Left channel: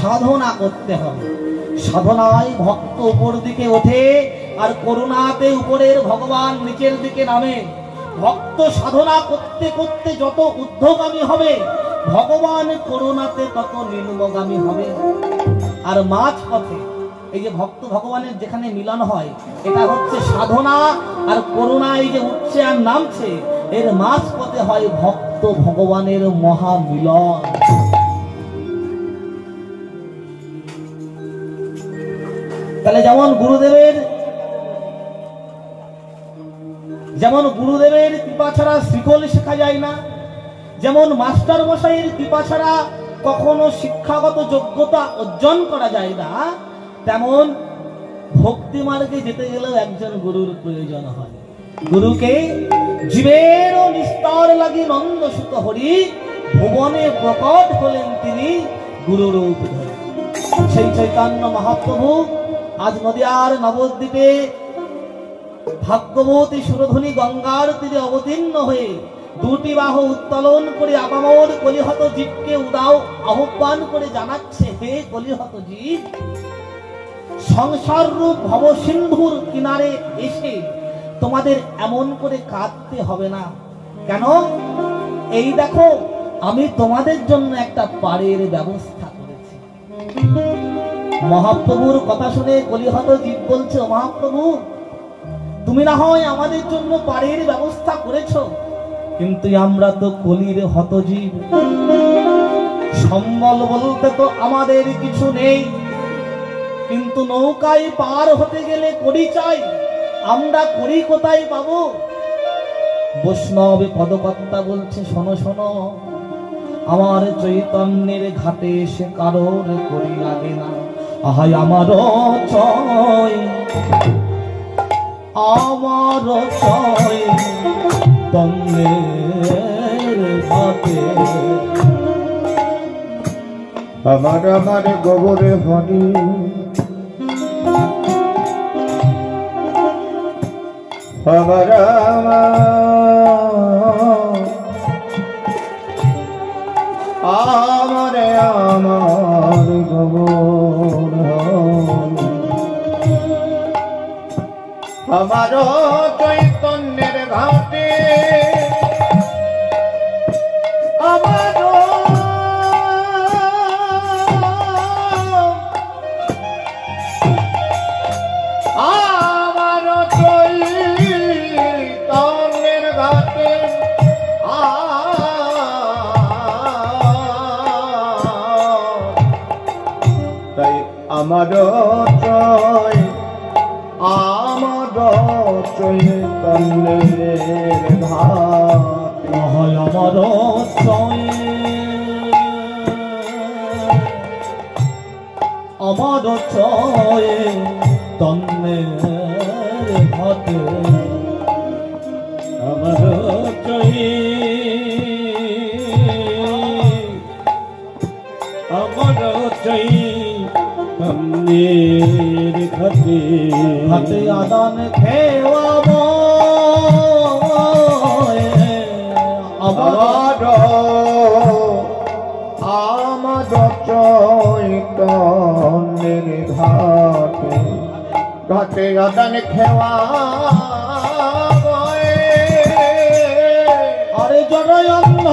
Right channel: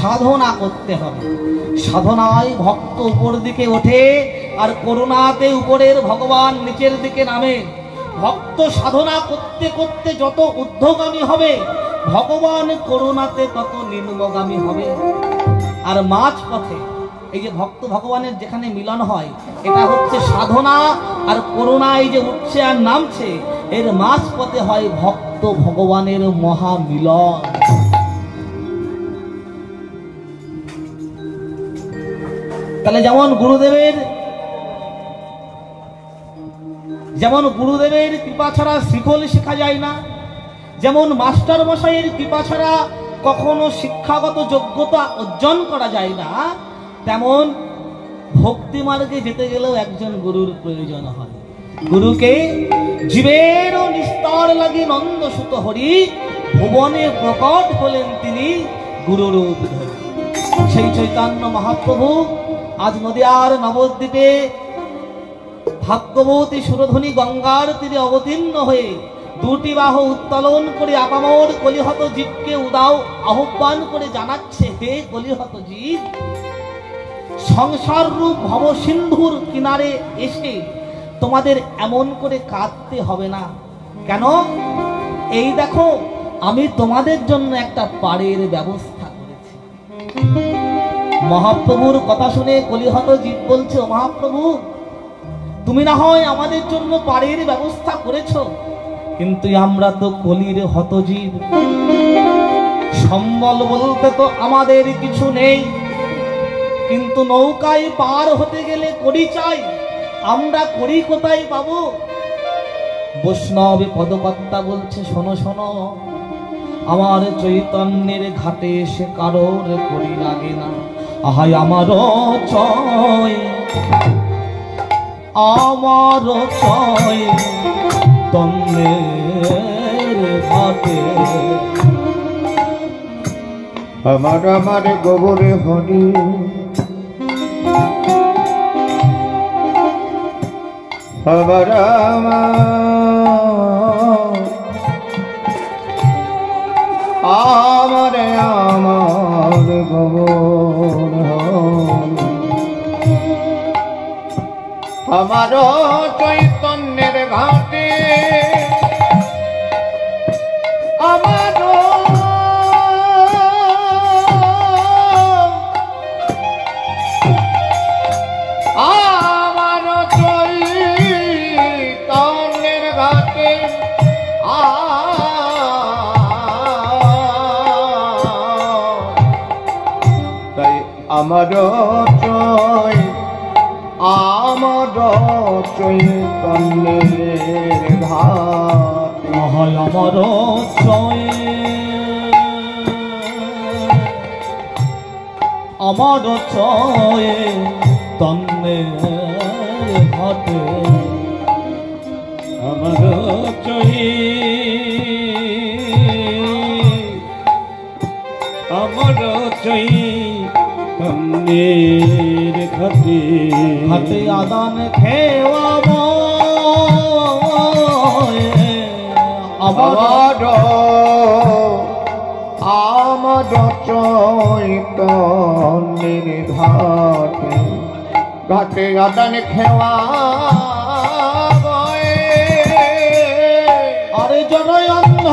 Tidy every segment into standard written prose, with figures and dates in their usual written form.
সাধনা করতে হবে। সাধনায় ভক্ত উপর দিকে ওঠে আর করুণাতে উপরের ভগবান নিচের দিকে নামে। ভক্ত সাধনা করতে করতে যত ঊর্ধ্বগামী হবে, ভগবান করুণাতে তত নিম্নগামী হবে। আর মাঝ পথে এই যে ভক্ত ভগবানের যেখানে মিলন হয়, এটা হচ্ছে সাধনা আর করুণা এই যে উঠছে আর নামছে, এর মাঝ পথে হয় ভক্ত ভগবানের মহামিলন। তাহলে যেমন গুরুদেবের কৃপা ছাড়া শ্রীফল শেখা যায় না, যেমন মাস্টার মশাইয়ের কৃপা ছাড়া কখনো শিক্ষাগত যোগ্যতা অর্জন করা যায় না, তেমন ভক্তি মার্গে যেতে গেলেও একজন গুরুর প্রয়োজন হয়। গুরুকে জীবের নিস্তার লাগি নন্দ সুত হরি, ভুবনে প্রকট হলেন তিনি গুরুরূপ ধরে। সেই চৈতন্য মহাপ্রভু আজ নদিয়ার নবদ্বীপে ভাগ্যবতী সুরধ্বনি গঙ্গার তীরে অবতীর্ণ হয়ে দুটি বাহু উত্তোলন করে আপামর কলিহত জীবকে উদাও আহ্বান করে জানাচ্ছে, হে কলিহত জীব, সংসার রূপ ভব সিন্ধুর কিনারে এসে তোমাদের এমন করে কাঁদতে হবে না। কেন? এই দেখো, আমি তোমাদের জন্য একটা পাড়ের ব্যবস্থা করেছি। মহাপ্রভুর কথা শুনে কলিহত জীব বলছে, মহাপ্রভু, তুমি না হয় আমাদের জন্য পাড়ের ব্যবস্থা করেছো, কিন্তু আমরা তো কলির হতজীব, সম্বল বলতে তো আমাদের কিছু নেই, কিন্তু নৌকায় পার হতে গেলে কড়ি চাই, আমরা কড়ি কোথায় পাবো? বৈষ্ণব পদকর্তা বলছে, শোনো শোনো, আমার চৈতন্যের ঘাটে সে কারোর কড়ি লাগে না। আহাই আমার চয়, আমার চয় তন্নের ঘাটে, আমার আমার গোবরে হরি, আমার আমার আমার গোবর হরি, আমার চৈতন্যের ঘাটে, আমার চৈতন্যের ঘাটে, তাই আমার চৈতন্যের ঘাটে, আমার চয়, আমার চয় তন্নের ঘাটে, আমার চৈ, আমার চৈতন্যের ঘাটে, হাতে আদান খেওয়াব আমার আমার চৈতন্যের ঘাটে, ঘাটে আদান খেওয়া, আরে জড়াই অন্ধ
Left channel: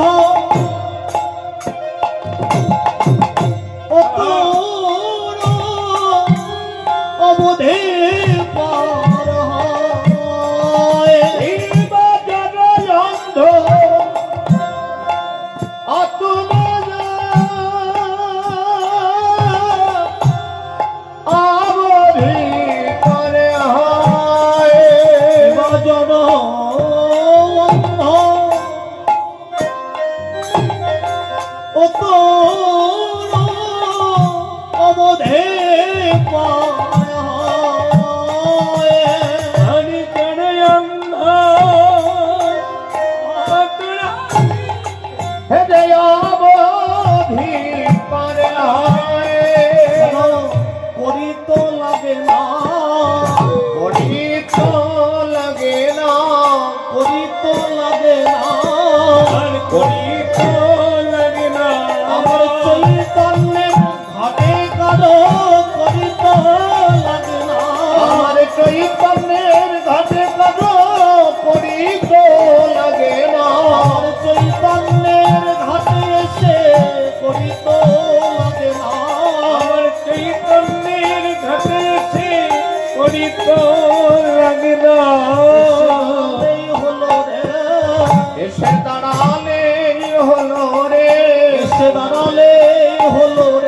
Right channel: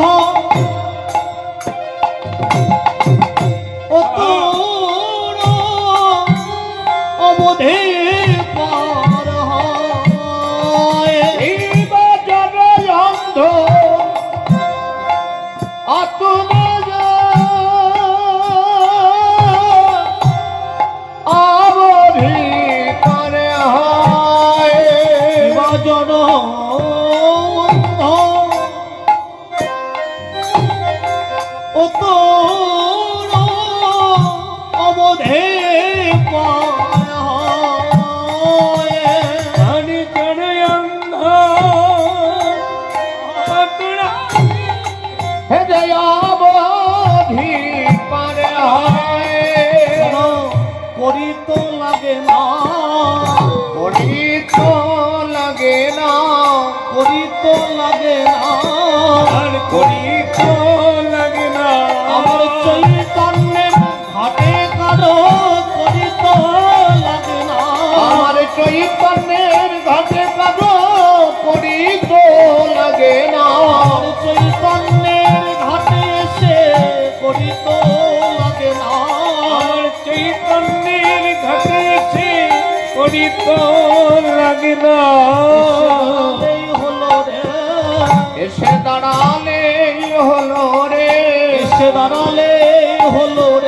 অবধি পার হয়, অন্ধ অবধি করে হয়, জন অন্ধ অবধি পার হয়, হৃদয় অবধি পারে হয়, করি তো লাগে না, করি তো লাগে না, করি তো লাগে না, করি তো লাগে না, আমার চৈতন্যের ঘাটে পড়িত লাগে না এই হলো রে, এসে দাঁড়ালে হলো রে এসে দাঁড়ালে হলো রে